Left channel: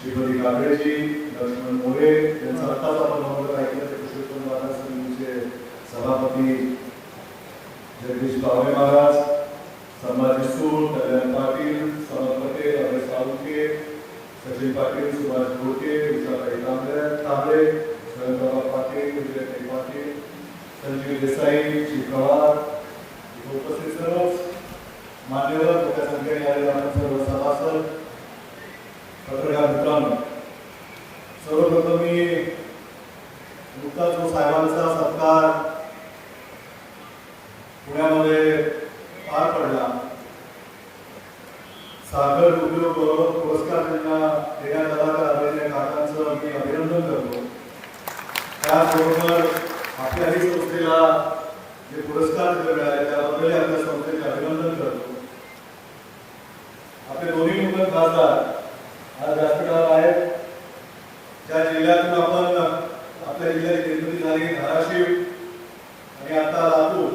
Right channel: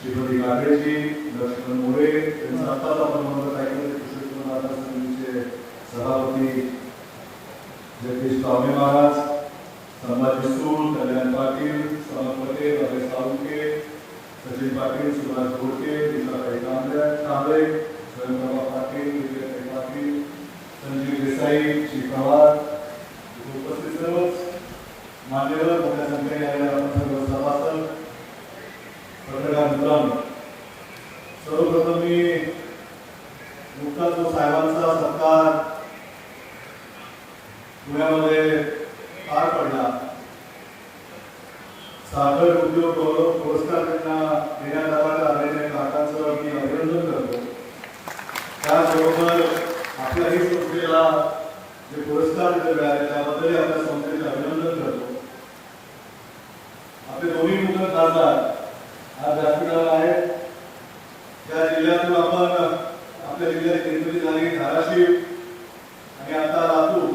श्रीमती कांबळेजी लक्ष्मण मोरे यांचा आत्ताच आपण नंबर ऐकलं ते कृष्ण महाराज समितीचे सभापती जगदीश कावळे महाराज संभाजी सूळ कल्याण पाटील समर्थ पटेल रमेश साळुंके सचिन पाटील सुभाष घोटे विशाखाई कांबळे कांबळे स्वयंप्रभा पाटील विजयताई पाटील संजीव देसाई श्री पवार उपस्थित सर्वच मान्यवर मोठ्या संख्येने आलेले आपण आपले दोन्ही मुलं खासदार आज व्यासपीठावर आहेत. त्या जिल्ह्यातून आपण आपल्या जिल्ह्यात निर्मिती झाली धाराशिव आणि आता लातूर.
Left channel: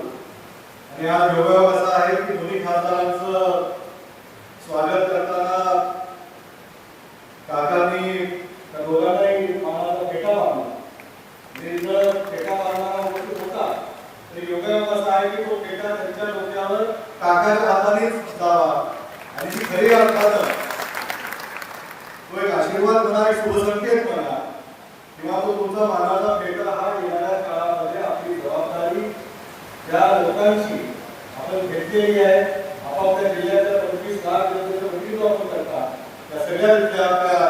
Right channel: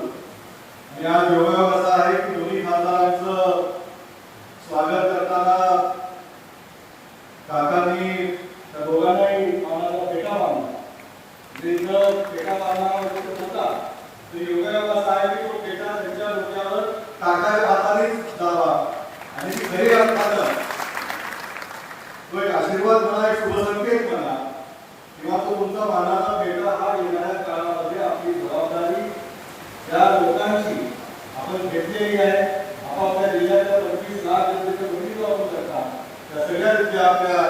आणि आज योगायोग असा आहे की दोन्ही खासदारांचं स्वागत करताना काकांनी त्या दोघांनाही मानाचा पेटा लावला म्हणजे जर पेटा लावणारा व्यक्ती होता तर योगायोग असा आहे की तो पेटा त्यांच्या डोक्यावर काकाच्या हातानेच दावा आणि ती खरी अर्थानं तो एक आशीर्वाद म्हणा एक शुभसंकेत म्हणा किंवा तो तुमचा मानाचा पेटा हा येणाऱ्या काळामध्ये आपली जबाबदारी या लोकांची आपण घेतलेली आहे आपापल्या जिल्ह्यातल्या पंचवीस लाख जनतेचे प्रतिनिधित्व आपण करता त्या सगळ्या ज्या आपल्या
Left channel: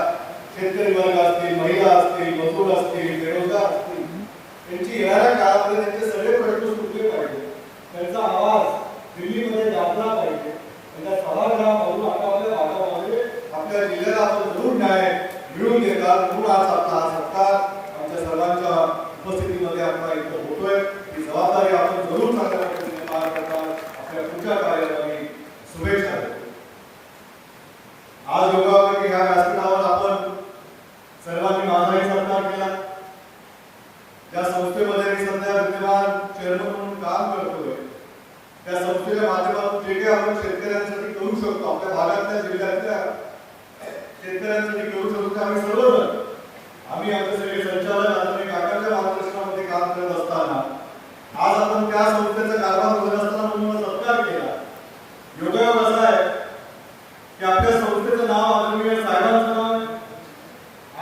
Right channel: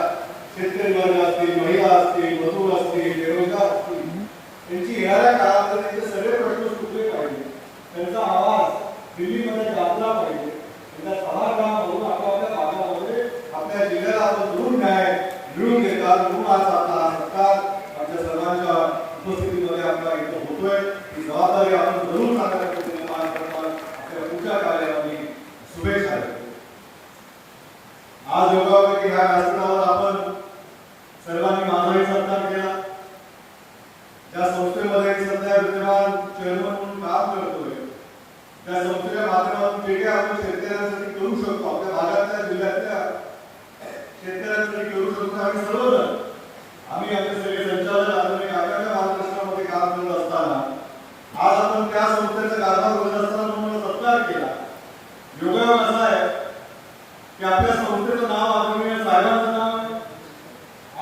शेतकरी वर्ग असतील महिला असतील मजूर असतील बेरोजगार असतील त्यांची येणाऱ्या काळामध्ये त्यांचे सगळे प्रश्न सुटले पाहिजे त्यांचा आवाज दिल्लीमध्ये गाजला पाहिजे त्यांच्या सभागृहामधून आपापल्या भागामध्ये आपल्या जिल्ह्याला आपण जरूर न्याय मिळवून देतात म्हणून आज आपला हा सत्कार आमच्या सर्वांच्या उपस्थितीमध्ये आपला इथं होतोय ही जबाबदारी आपण जरूर चांगल्या पद्धतीने पार करताना आपल्या पुढच्या कार्याला मी शुभेच्छा देतो आज योगावरती ह्या व्यासपीठावर आपण सर्वांनी माझाही सत्कार केला त्या संस्थेमध्ये मी सध्या विद्यमान चेअरमन म्हणून काम करतोय त्या संस्थेच्या माध्यमातून जे काही आपण शेतकऱ्यांसाठी करू शकतो आपल्या भागातल्या जिल्ह्यातल्या शेतकऱ्यांसाठी करू शकतो आम्ही सर्वजण. आम्ही आमचे सगळे संचालक मार्गदर्शनामध्ये काम करत असताना आज आपण त्या संस्थेचा कारभार करत असताना म्हणून सत्कार केला. योगायोग असा आहे की आपल्या संस्थेचं नाव आदरणीय साहेबांचं नाव आहे.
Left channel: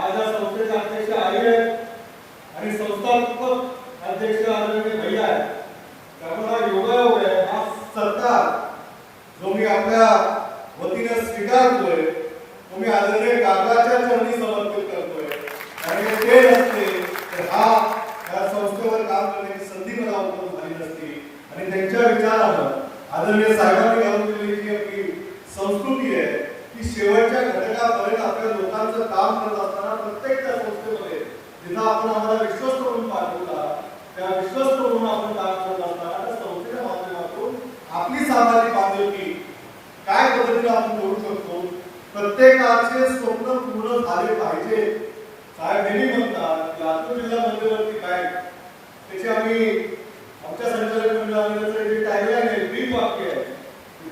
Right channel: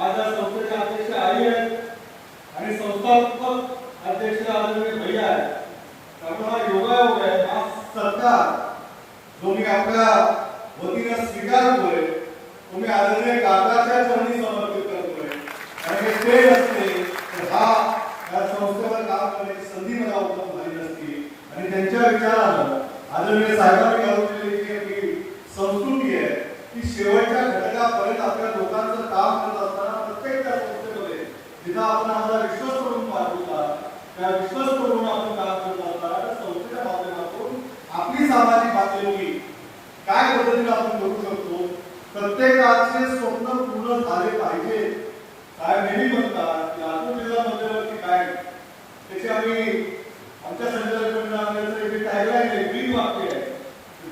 आज या संस्थेचे अध्यक्ष आई आहेत आणि संस्थापक अध्यक्ष आदरणीय भैया आहेत. त्यामुळे हा योगायोग आहे हा सत्कार जो मी आपल्या वतीने स्वीकारतोय. तो मी आदरणीय काकाच्या चरणी समर्पित करतोय. आणि ते नसते तर हा या संस्थेवर काम करण्याची संधी मला उपलब्ध झाली नसती. आणि त्यांच्या विचारानं आदरणीय साहेबांनी घालून दिलेली जी आपली संस्कृती आहे ती शेवटच्या घटकापर्यंत आपल्या लोकांचं काम करत असताना प्रत्येक त्या संस्थेमध्ये जिथं आपण आम्हाला विश्वस्त म्हणून पाठवला त्या विश्वस्त म्हणून आपण काम करत असताना त्या संस्थेच्या माध्यमातून आपली सामाजिक बांधिलकी काय पद्धतीने आपण करू शकतो प्रत्येकाचे स्वप्न पूर्ण झाले पाहिजे. काय नेहमी म्हणतात की लातूर जिल्हा मध्यवर्ती काय? त्याचे आम्ही आमच्या संचालक मंडळामध्ये जे टॅगलाईन आहे ब्रीद वाक्य आहे.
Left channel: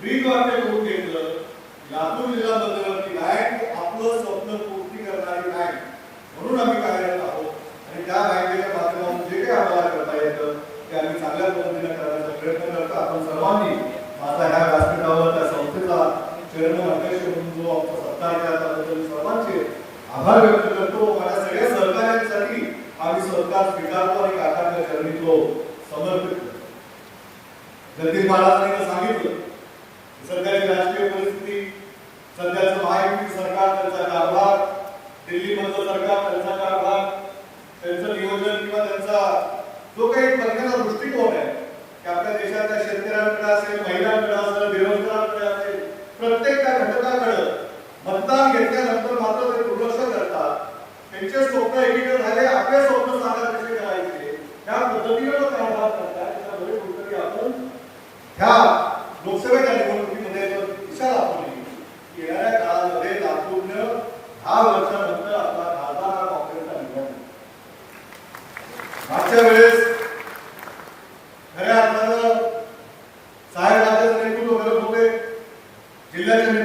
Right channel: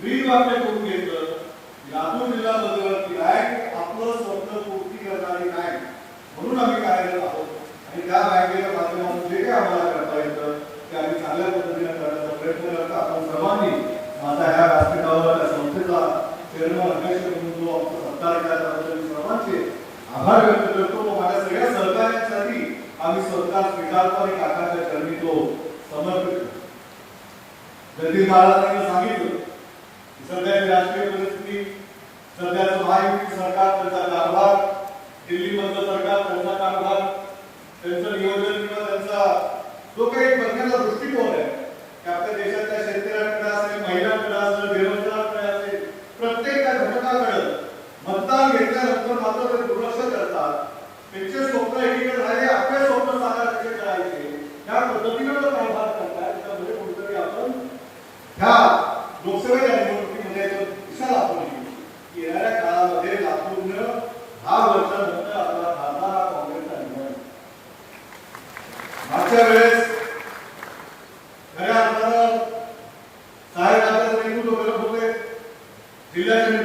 ब्रीद वाक्य करून घेतलं लातूर जिल्हा मध्यवर्ती काय? आपलं स्वप्न पूर्ती करणारी काय? म्हणून आम्ही कार्यरत आहोत. आणि त्या बँकेच्या माध्यमातून जे काही आम्हाला करता येतं ते आम्ही चांगल्या पद्धतीने करण्याचा प्रयत्न करतो. आपण सर्वांनी माझा ह्या व्यासपीठावर त्या संस्थेचा चेअरमन अध्यक्ष म्हणून जो आमचा सत्कार केला त्याबद्दल सर्वांचे आभार व्यक्त करतो माझ्या सगळ्या सहकार्यांसाठी आम्ही सत्कार स्वीकारतो आणि काकाच्या चरणी तो समर्पित करतो जगदीश महाराजांनी सांगितलं की सध्याची राजकीय परिस्थिती सध्याचं महायुती सरकार त्यांचा कारभार दिल्लीमधलं सरकार त्यांचा कारभार त्यांचं नियोजन किंवा त्यांचा जो काही बघण्याचा दृष्टिकोन आहे की आपल्या देशातल्या शेतकऱ्यांकडे असेल महिलांकडे असेल बेरोजगारांकडे असेल प्रत्येक त्या घटकाकडे मतदान घेतल्यानंतर मात्र ते दुर्लक्ष करतात त्यांचे स्वप्न एकीकडे झाले आपले स्वप्न साकार कसे करायचे त्या पद्धतीने तो कारभार करतात त्यामुळे कुठेतरी आपण ह्या लोकसभेच्या निवडणुकीमध्ये जर दिशा दाखवली की येणाऱ्या काळामध्ये लातूरनं दहा वर्षानंतर आपला खासदार हा काँग्रेसचा निवडणूक मागच्या वेळेस खऱ्या अर्थानं साहेब राजाचं नेतृत्व करत होते. जिल्ह्याच्या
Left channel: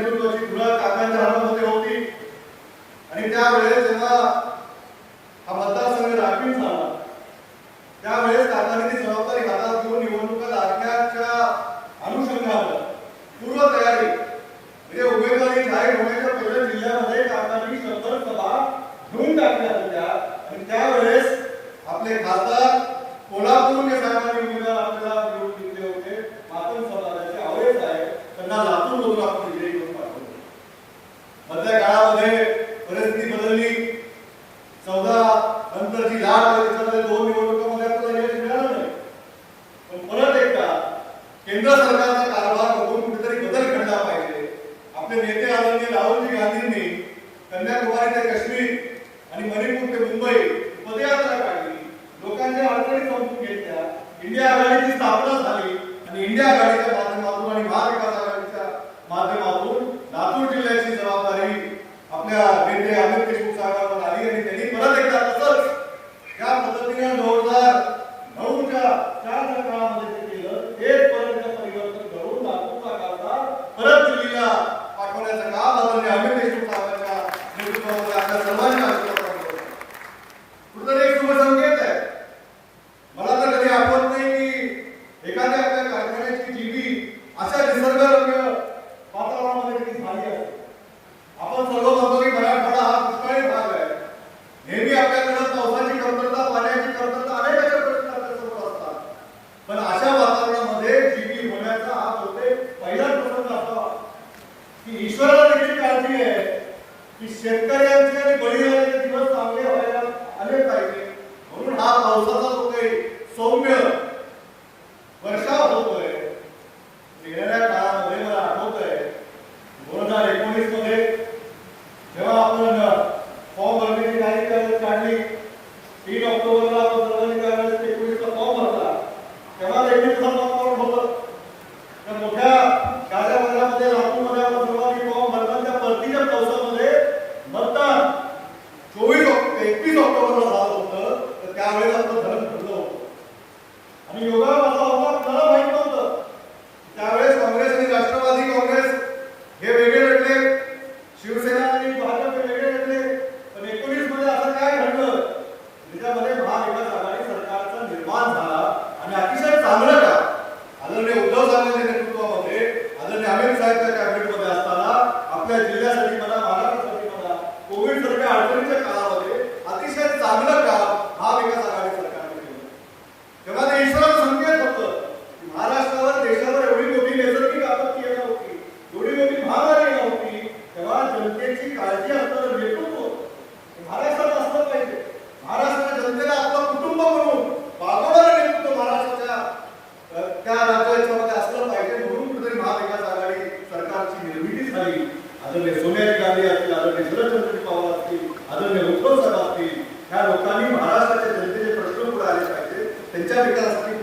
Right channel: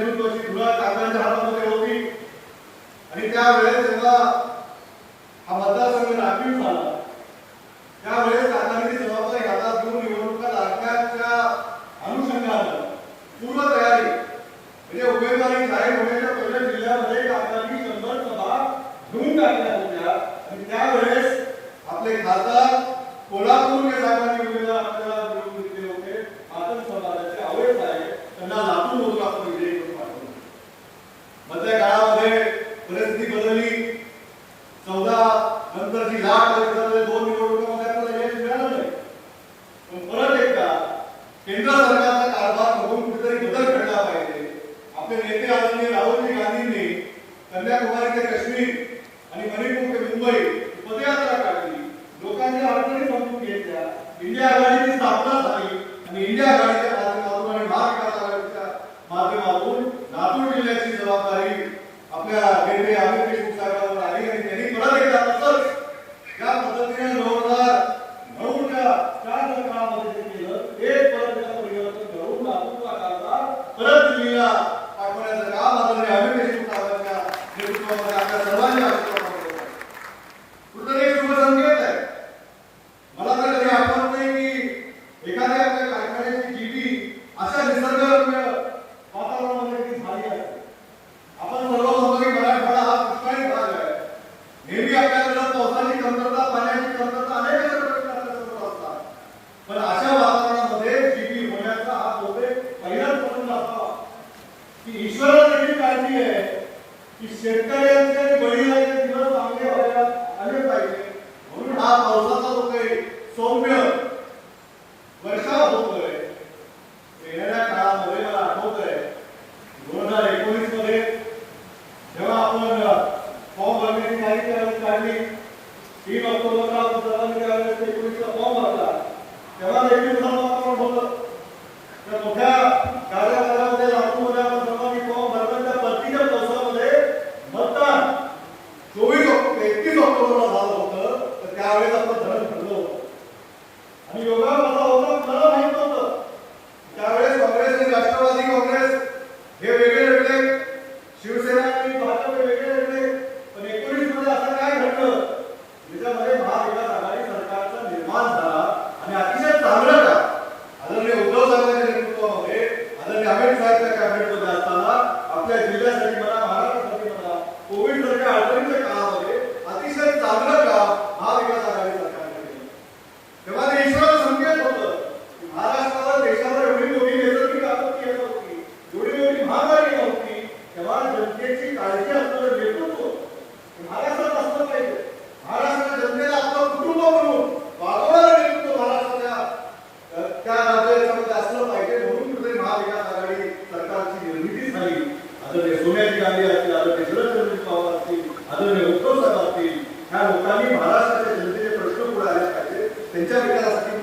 या लोकांनी महाराष्ट्राच्या जनतेचे प्रश्न पुढे आले पाहिजे. त्यांच्या विकासासाठी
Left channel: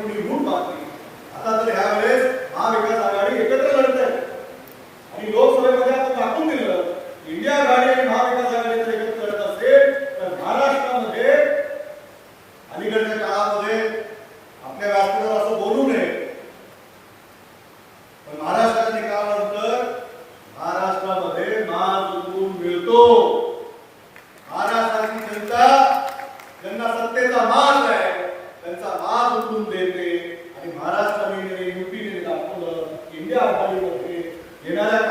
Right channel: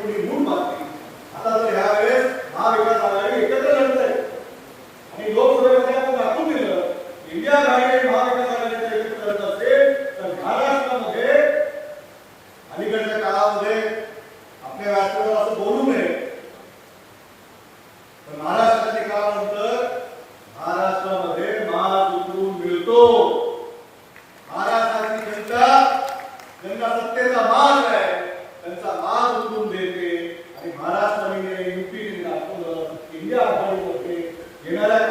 त्यांचा मान आहे. त्यांचा मान उठून देते. आणि महाराष्ट्र युपी जिल्हा इंडिया येणाऱ्या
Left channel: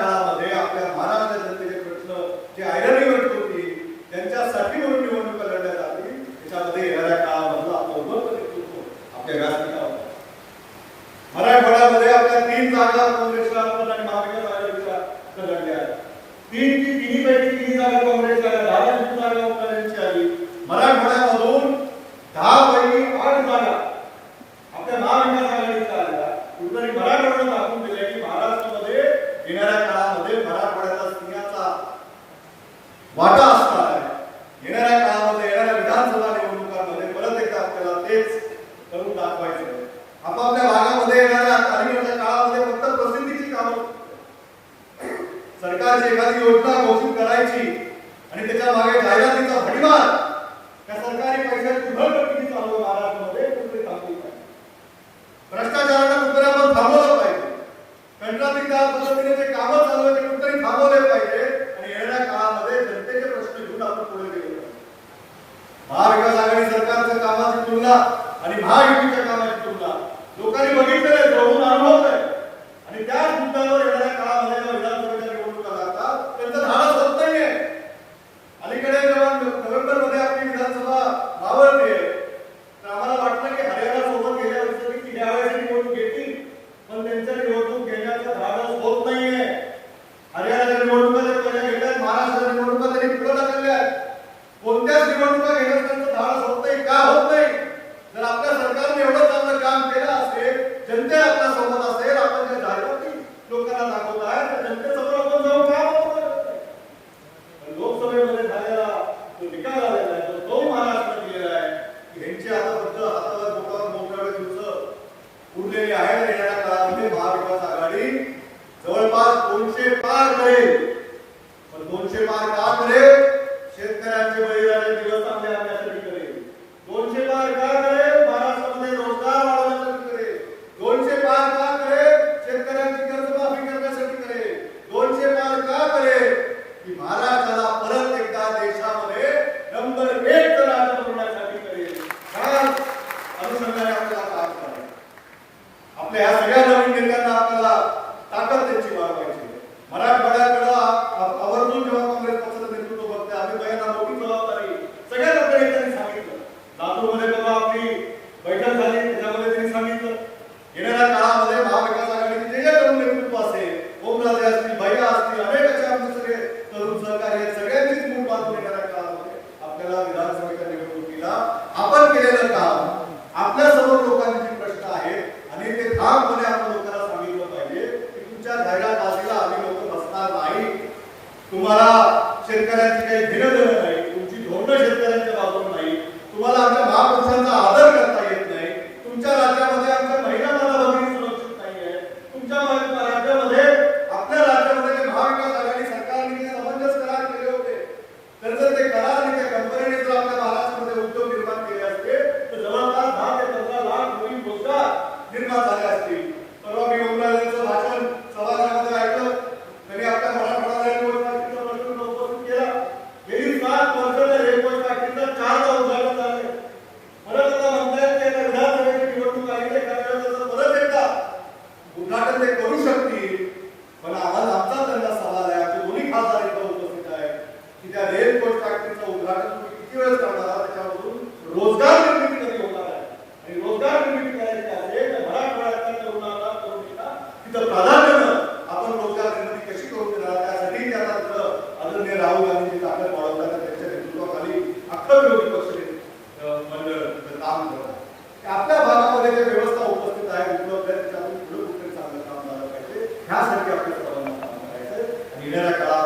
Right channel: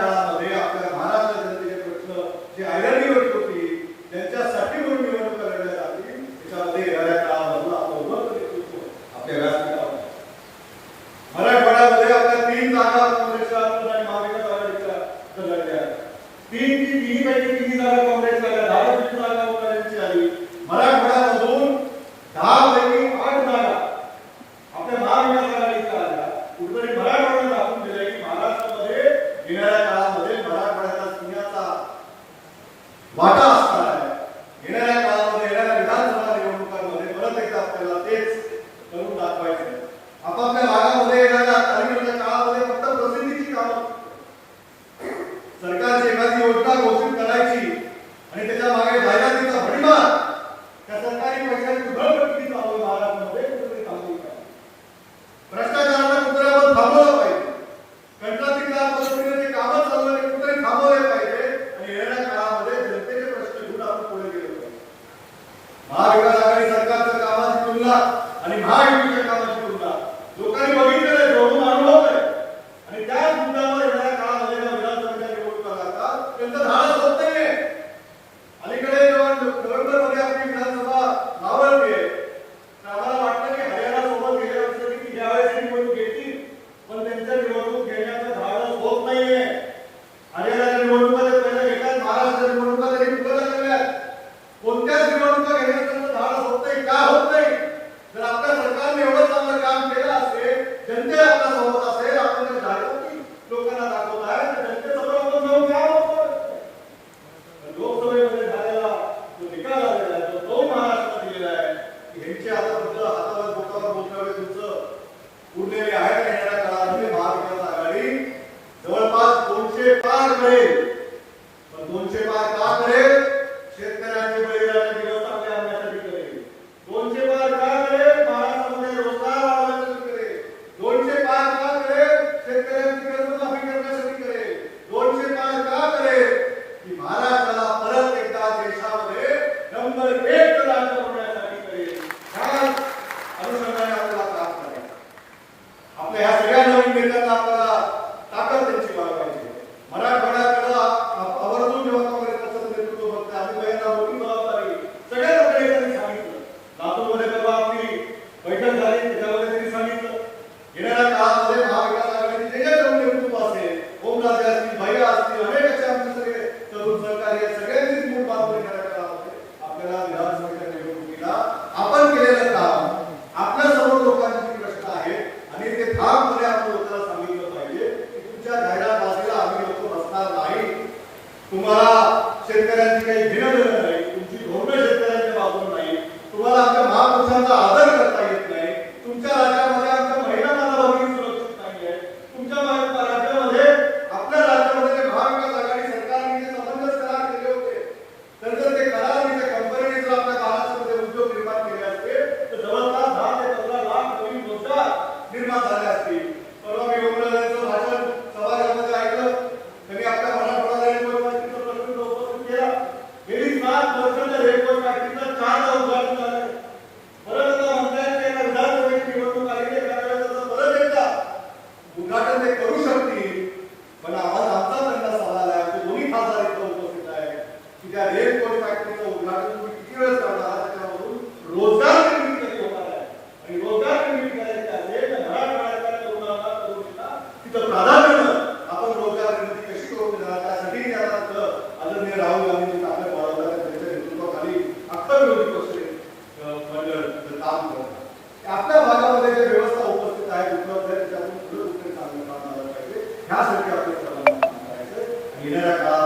sanki yapıyorlar.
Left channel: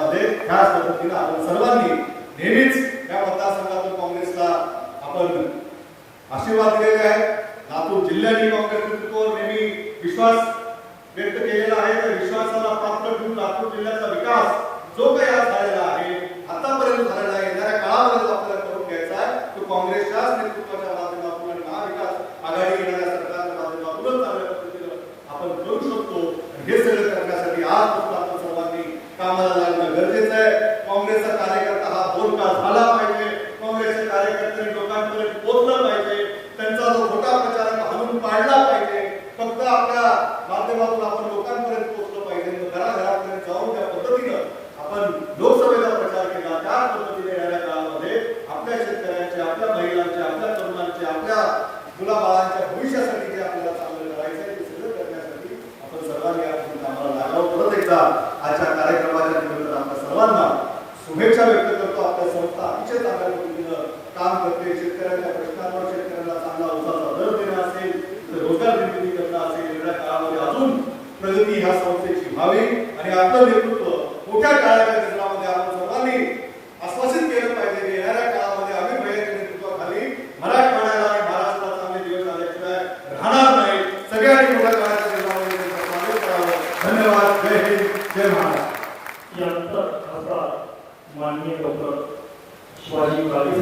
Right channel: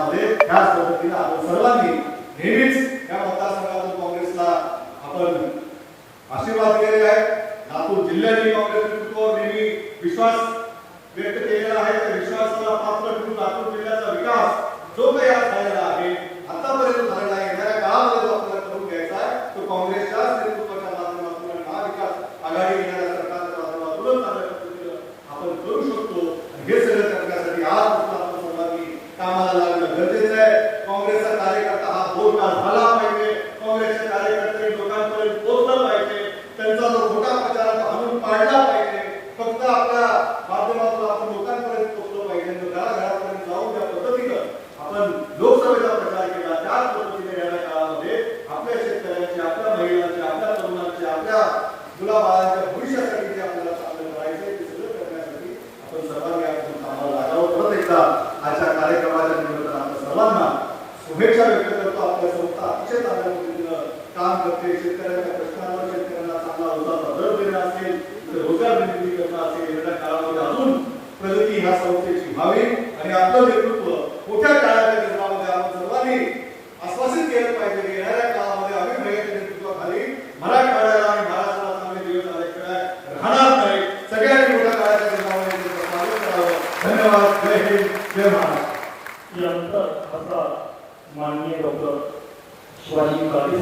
आहे काँग्रेसचा कार्यकर्ता हा बोलका झाला पाहिजे. काँग्रेसचे कार्यकर्ते लोकांकडे बोललं पाहिजे. त्यांचा जो मोठा प्रचार घालून पाडला पाहिजे. फक्त आपल्या माध्यमातून आपण लोकांपर्यंत पोहोचलं पाहिजे. घराघरापर्यंत जाऊन त्या पद्धतीनं आपण लोकसभेचा प्रचार केला. त्या पद्धतीने येणाऱ्या काळामध्ये आपल्या शेतकऱ्यांचे आपल्या महिलांचे आपल्या तरुणांचे आपल्या मुलाबाळांच्या भविष्यासाठी जे आपल्याला चांगलं पाहिजे ते सगळं करण्यासाठी आपण सर्वांनी आपण कामाला परत एकदा जय महाराष्ट्र यानंतर आता माननीय डॉक्टर शिवाजी काळे